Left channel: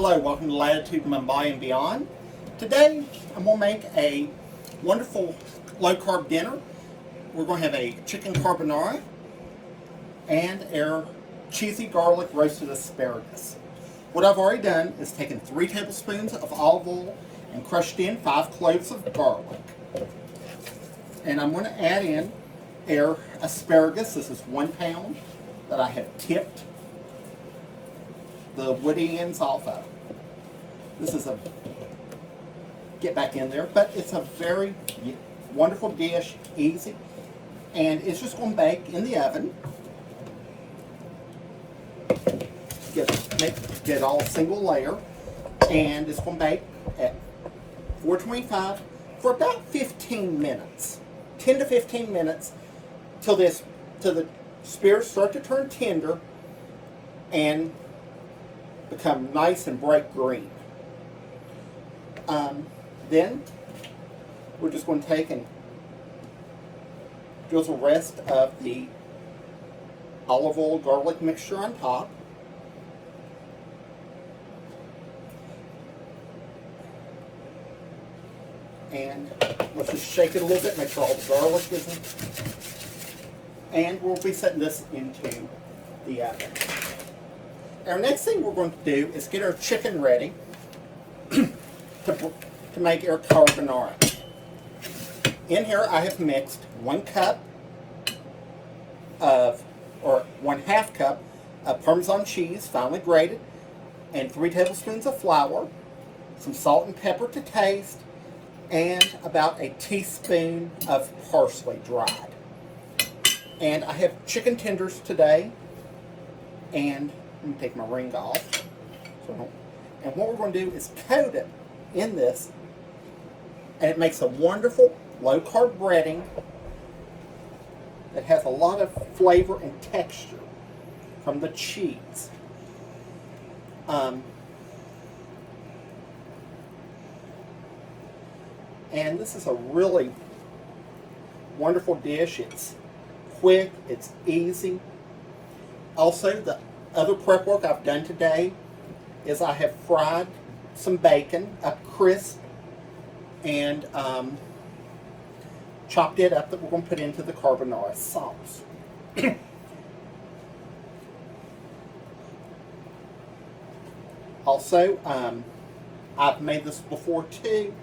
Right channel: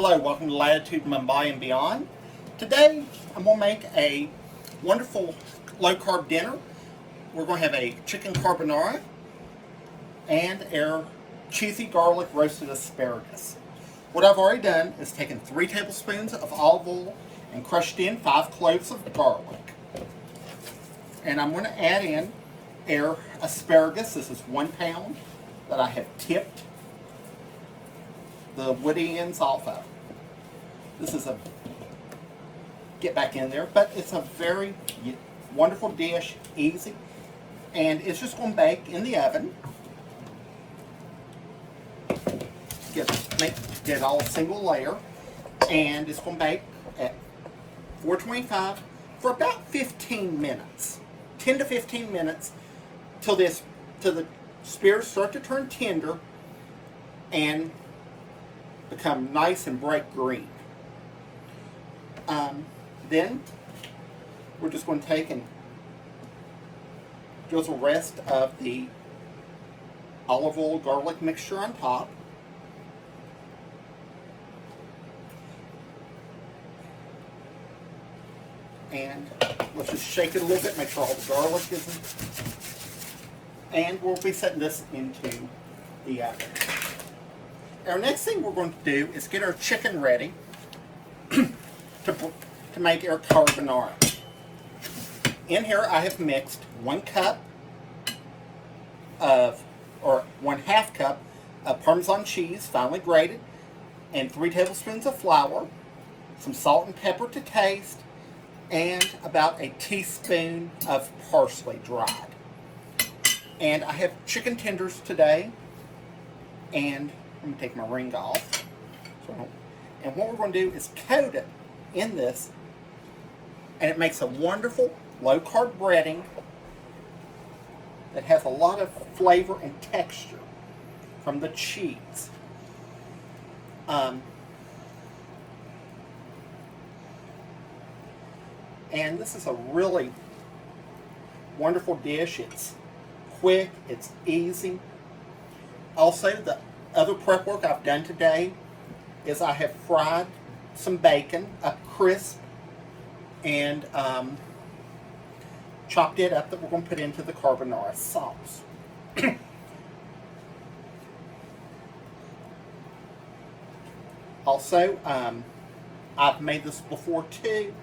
Hello, welcome to Latitude Mumbai and Beyond. Today, I'm going to make a wonderful low-carb dinner. We're going to have a chicken carbonara and our cheesy garlic roasted asparagus. What I've already done is taken 3 tablespoons of olive oil and crushed in 5 cloves of garlic. And I'm going to add in our asparagus. This is 1 pound that I have tipped the woody ends off of. This is a get back in there, but it's a very wonderful dish, easy, and it's just going to bake in the oven. Get all single layer, and it's going to bake at 425 for about 15 minutes, 10 to 15 minutes, till the spears start to turn tender and become nice and bright green. Then we're just going to take and drizzle the rest of the olive oil garlic mixture on top. And let's just shake it a little bit, make sure all the garlic is in. And we'll be setting this into the oven. Our next thing we're going to do is get our chicken ready to make our carbonara. In here I have mixed 1 cup of, or 1/2 cup of Parmesan cheese, finely grated, and 3 tablespoons of flour, some salt and pepper to taste, and about a teaspoon of parsley dried. And I have chicken tenders today, and let me take my ring off. And what we're going to do is coat it in this, and it makes a wonderful low-carb breading that has a lot of flavor and texture from the cheese. And this is a really wonderful dish. It's quick, it's easy. Also, the other prep work I've done today is I have fried some bacon up crisp and chopped it up that we're going to put into the carbonara sauce. Also, I've made this before too,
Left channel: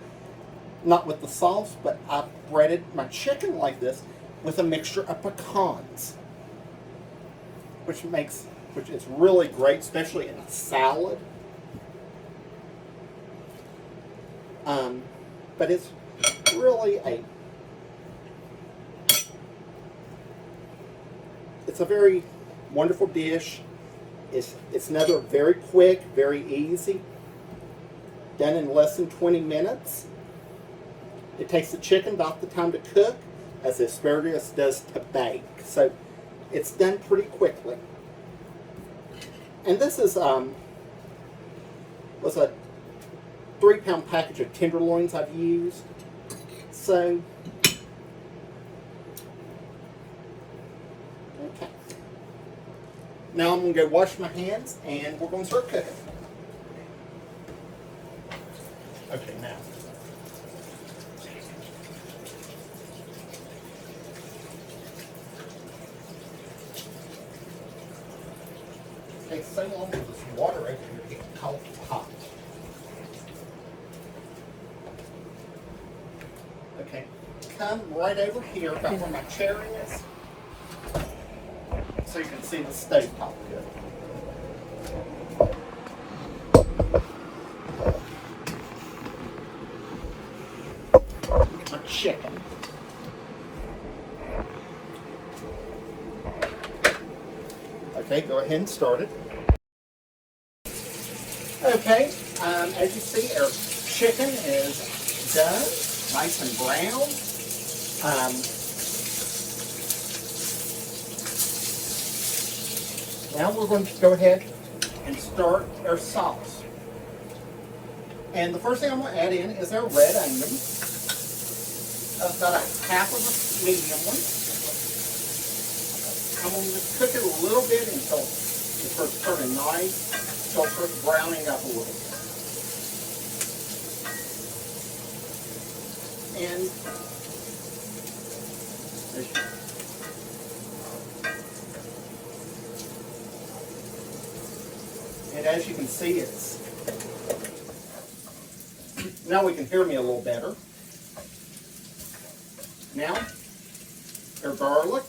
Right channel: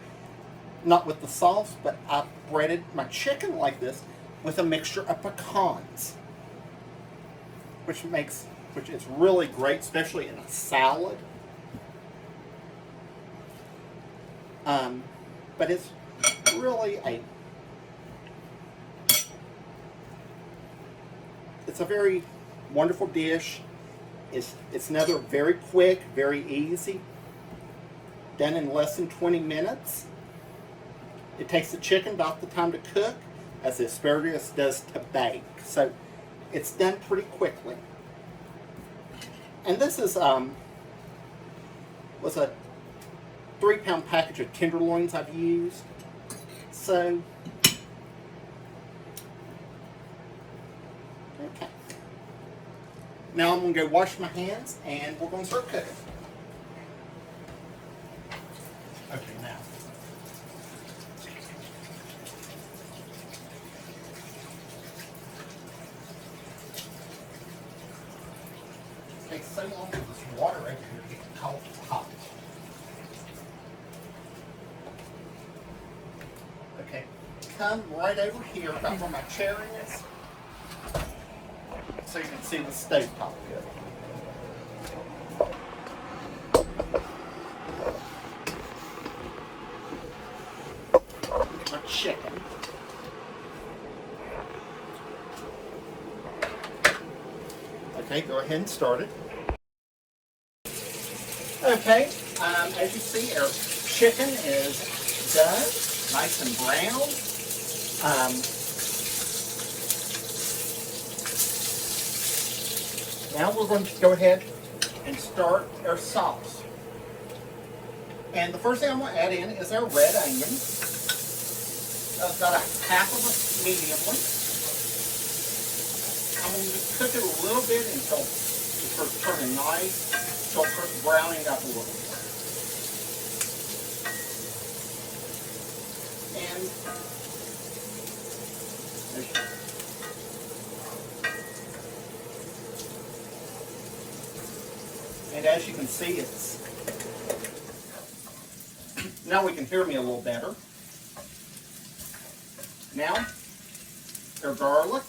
not with the sauce, but I've breaded my chicken like this with a mixture of pecans, which is really great, especially in a salad. But it's really it's a very wonderful dish. It's another very quick, very easy, done in less than 20 minutes. It takes the chicken about the time to cook as the asparagus does to bake. So it's done pretty quickly. And this is was a 3-pound package of tenderloins I've used. So, okay. Now I'm going to go wash my hands, and we're going to start cooking. Okay, now. It takes so long for this water over here to get hot. Okay, come right over here, about where my chair is, so you can see the stove top good. Get my chicken. Okay, go ahead and start it. Okay, as you see, our chicken is done, nice and brown. Now we're going to go ahead and start our sauce. And the first thing I'm going to add in is our red onion. I've got a half of a medium one. I'm going to cook it a little bit until it starts turning nice start browning up a little bit. And as you can see, it's now we can hear me a little better. Now, their garlic.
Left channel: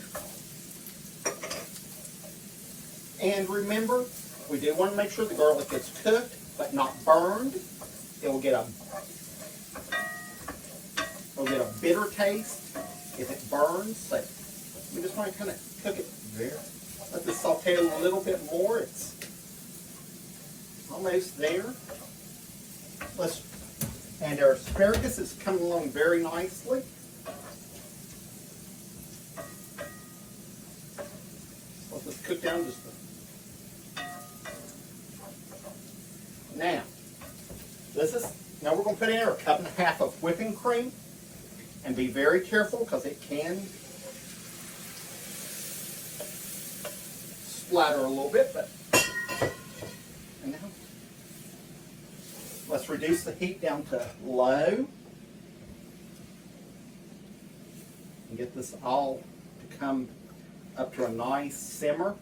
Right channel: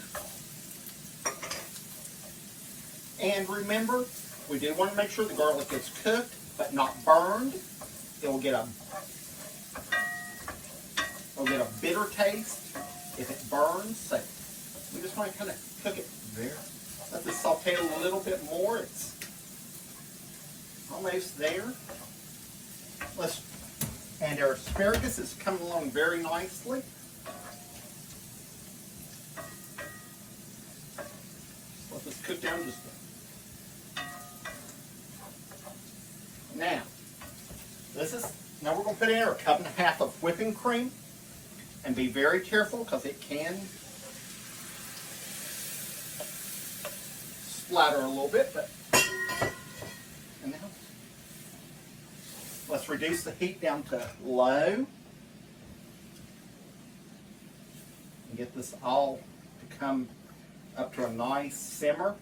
And remember, we do want to make sure the garlic gets cooked, but not burned. It'll get a bitter taste if it burns. So we just want to kind of cook it there. Let this saute a little bit more. It's almost there. And our asparagus is coming along very nicely. Let this cook down just a bit. Now we're going to put in here 1.5 cups of whipping cream, and be very careful because it can splatter a little bit. And now let's reduce the heat down to low and get this all to come up to a nice simmer.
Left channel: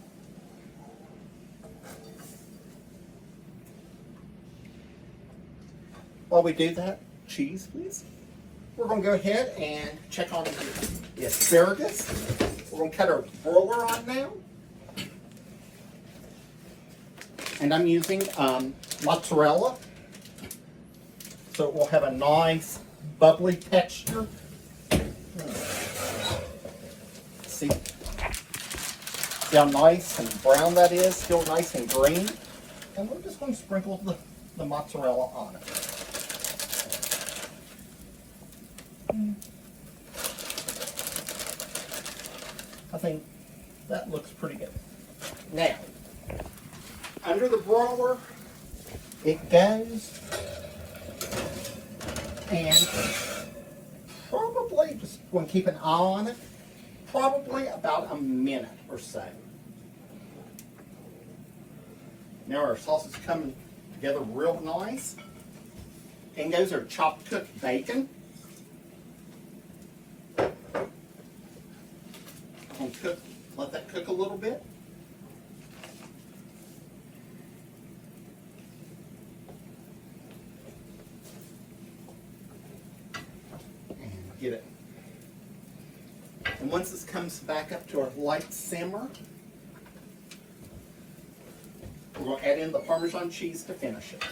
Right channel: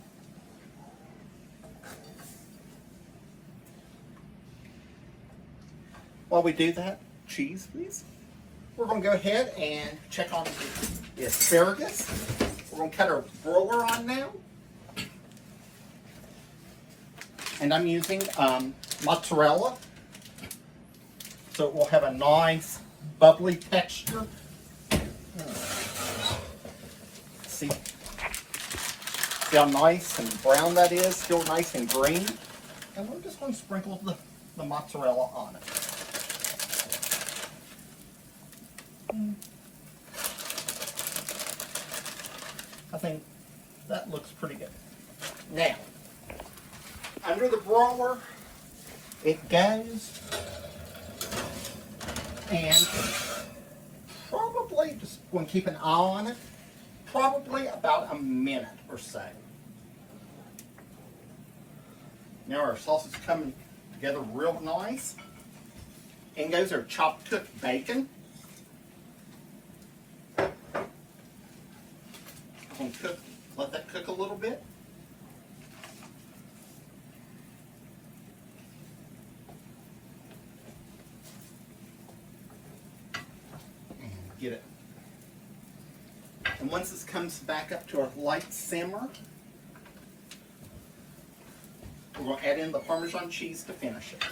While we do that, cheese please, we're going to go ahead and check on the asparagus. We're going to cut our broiler on now. And I'm using mozzarella, so it will have a nice bubbly texture. See how nice and brown that is, still nice and green. And we're just going to sprinkle the mozzarella on it. I think that looks pretty good. Now, under the broiler, it goes, and probably, just want to keep an eye on it, probably about a minute or so. Now our sauce is coming together real nice. In goes our chopped cooked bacon. I'm going to let that cook a little bit. And get it. And once this comes back up to a light simmer, we're going to add in the Parmesan cheese to finish it.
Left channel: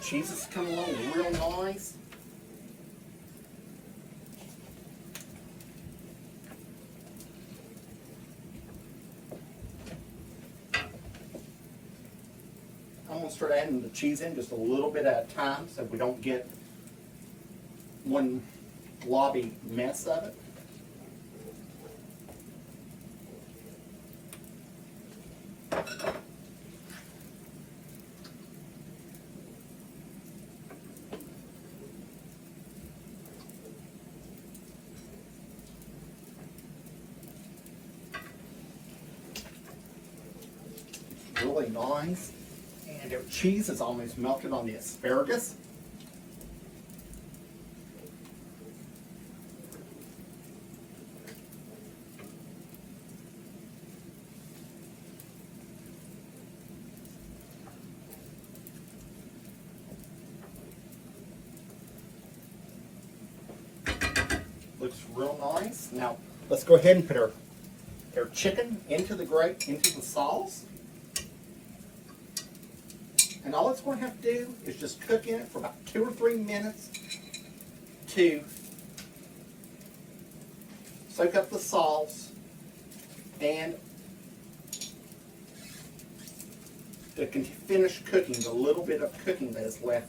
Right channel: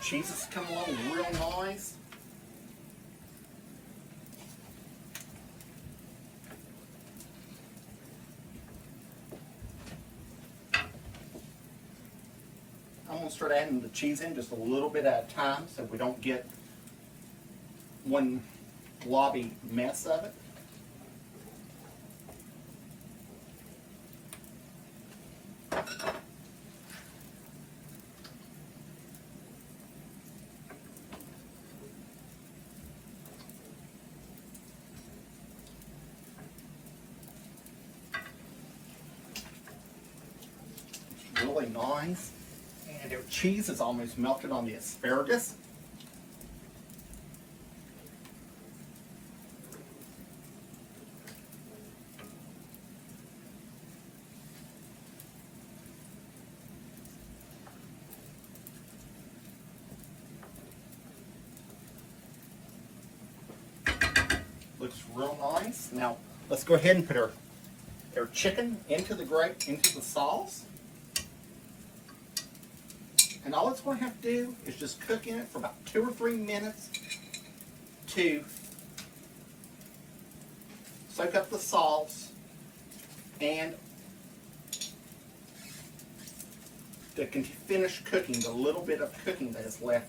Cheese is coming along real nice. I'm going to start adding the cheese in just a little bit at a time so we don't get one globby mess of it. It's really nice. And our cheese is almost melted on the asparagus. Looks real nice. Now let's go ahead and put our chicken into the sauce. And all it's going to have to do is just cook in it for about 2 or 3 minutes to soak up the sauce and to finish cooking the little bit of cooking that is left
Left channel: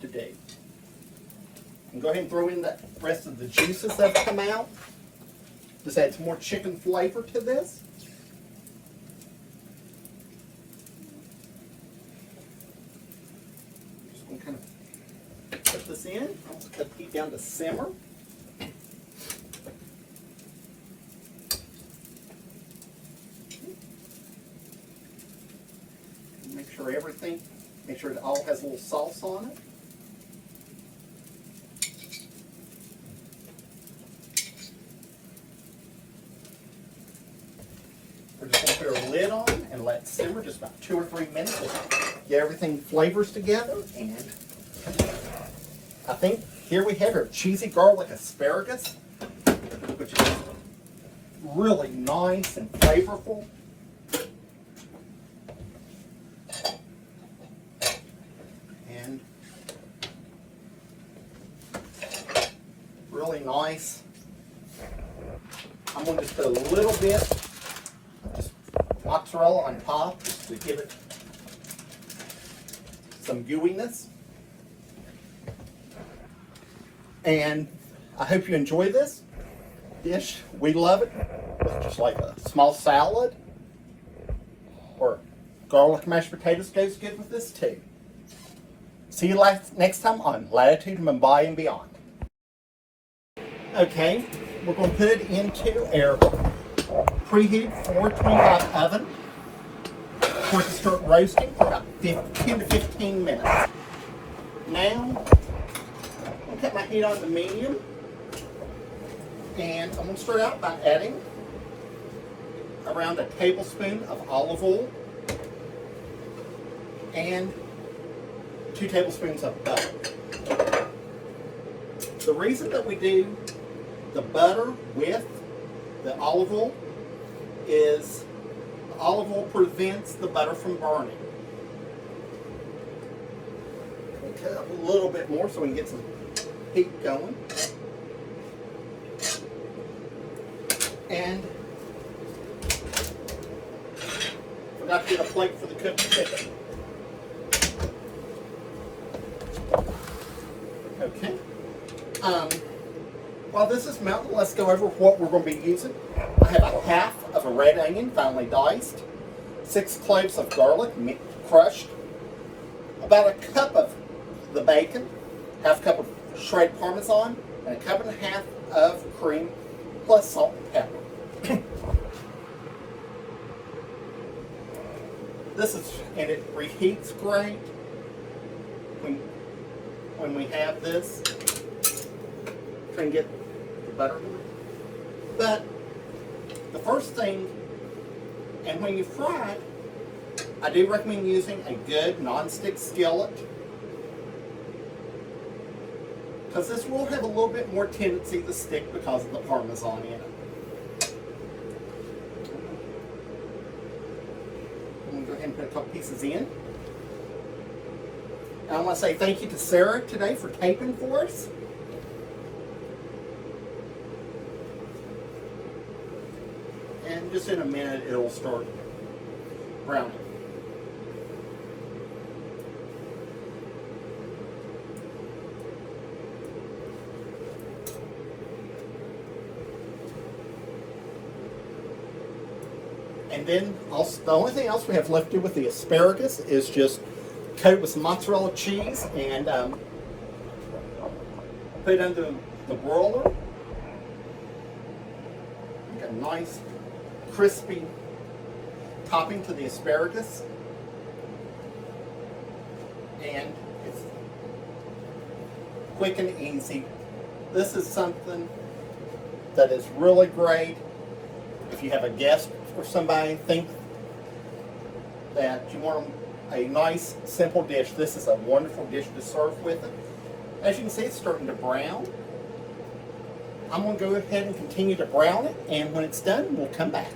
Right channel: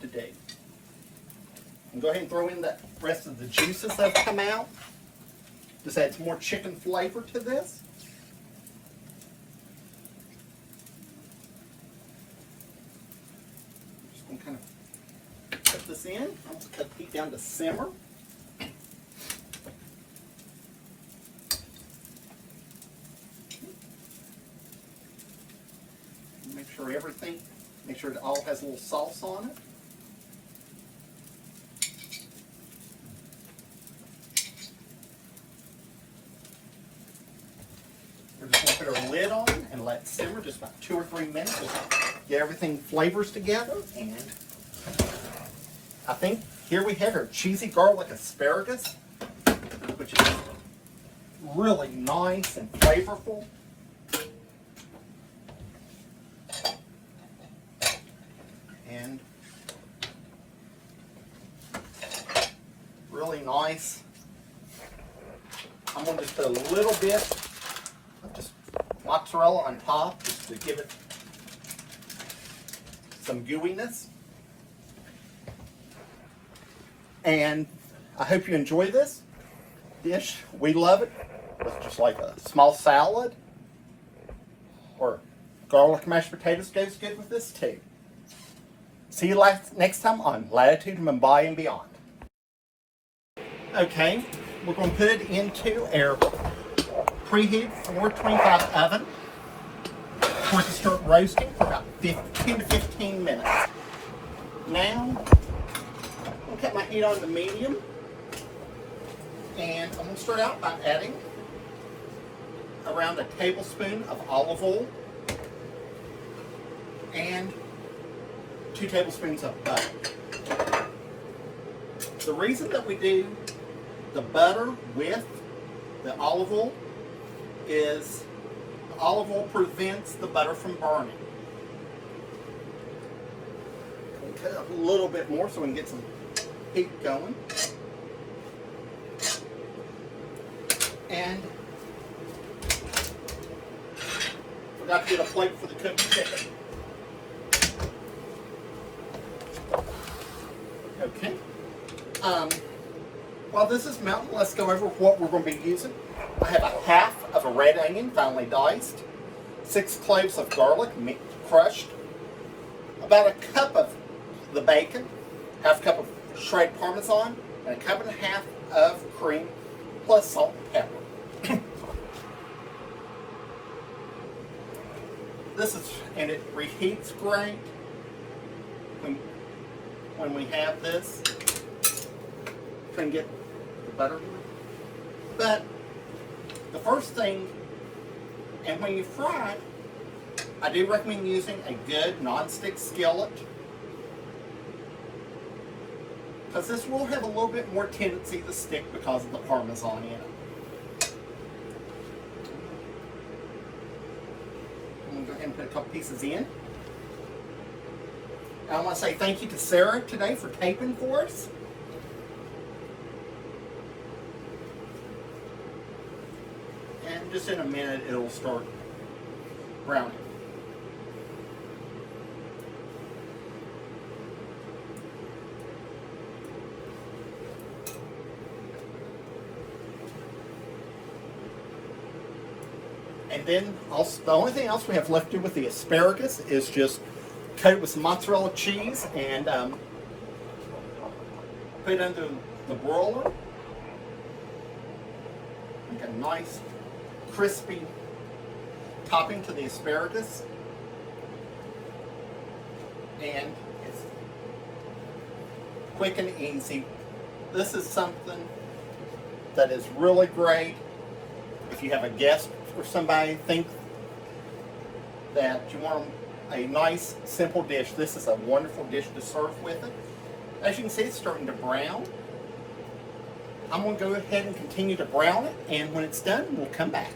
to do. And go ahead and throw in the rest of the juices that have come out. Just adds more chicken flavor to this. Kind of put this in. I'll cut the heat down to simmer. Make sure it all has a little sauce on it. We're just going to put our lid on and let it simmer just about 2 or 3 minutes. Get everything flavors together. And I think here we have our cheesy garlic asparagus, which is really nice and flavorful. And really nice. I'm going to just put a little bit of just mozzarella on top just to give it some gooiness. And I hope you enjoy this dish. We love it. With just like a small salad or garlic mashed potatoes goes good with this too. See you next time on Latitude Mumbai and Beyond. Okay, we're going to put it into our preheated 425 oven for it to start roasting for about 10 to 15 minutes. Now, I'll get my heat on the medium, and I'm going to start out by adding around a tablespoon of olive oil and 2 tablespoons of butter. The reason that we do the butter with the olive oil is the olive oil prevents the butter from burning. We'll cut a little bit more so we can get some heat going. And forgot to get a plate for the cooked chicken. Okay. While this is melting, let's go over what we're going to be using. I have a half of a red onion, finely diced, 6 cloves of garlic, crushed, about a cup of the bacon, half cup of shredded Parmesan, and a cup and a half of cream, plus salt and pepper. And it reheats great when we have this. Can get the butter. But the first thing, and when you fry, I do recommend using a good non-stick skillet, because this will have a little bit more tendency to stick because of the Parmesan in it. I'm going to go ahead and put a couple pieces in. I want to say thank you to Sarah today for taping for us. And just in a minute, it will start browning. And then also, the only thing else we have left to do with the asparagus is just coat it with some mozzarella cheese and put it under the broiler. Make a nice crispy topping to the asparagus, and it's quick and easy. This is something that is really great if you have a guest or somebody think that you want a nice simple dish. This is a wonderful dish to serve with it. As you can see, it's starting to brown. I'm going to go ahead and continue to brown it, and when it's done, we'll come back.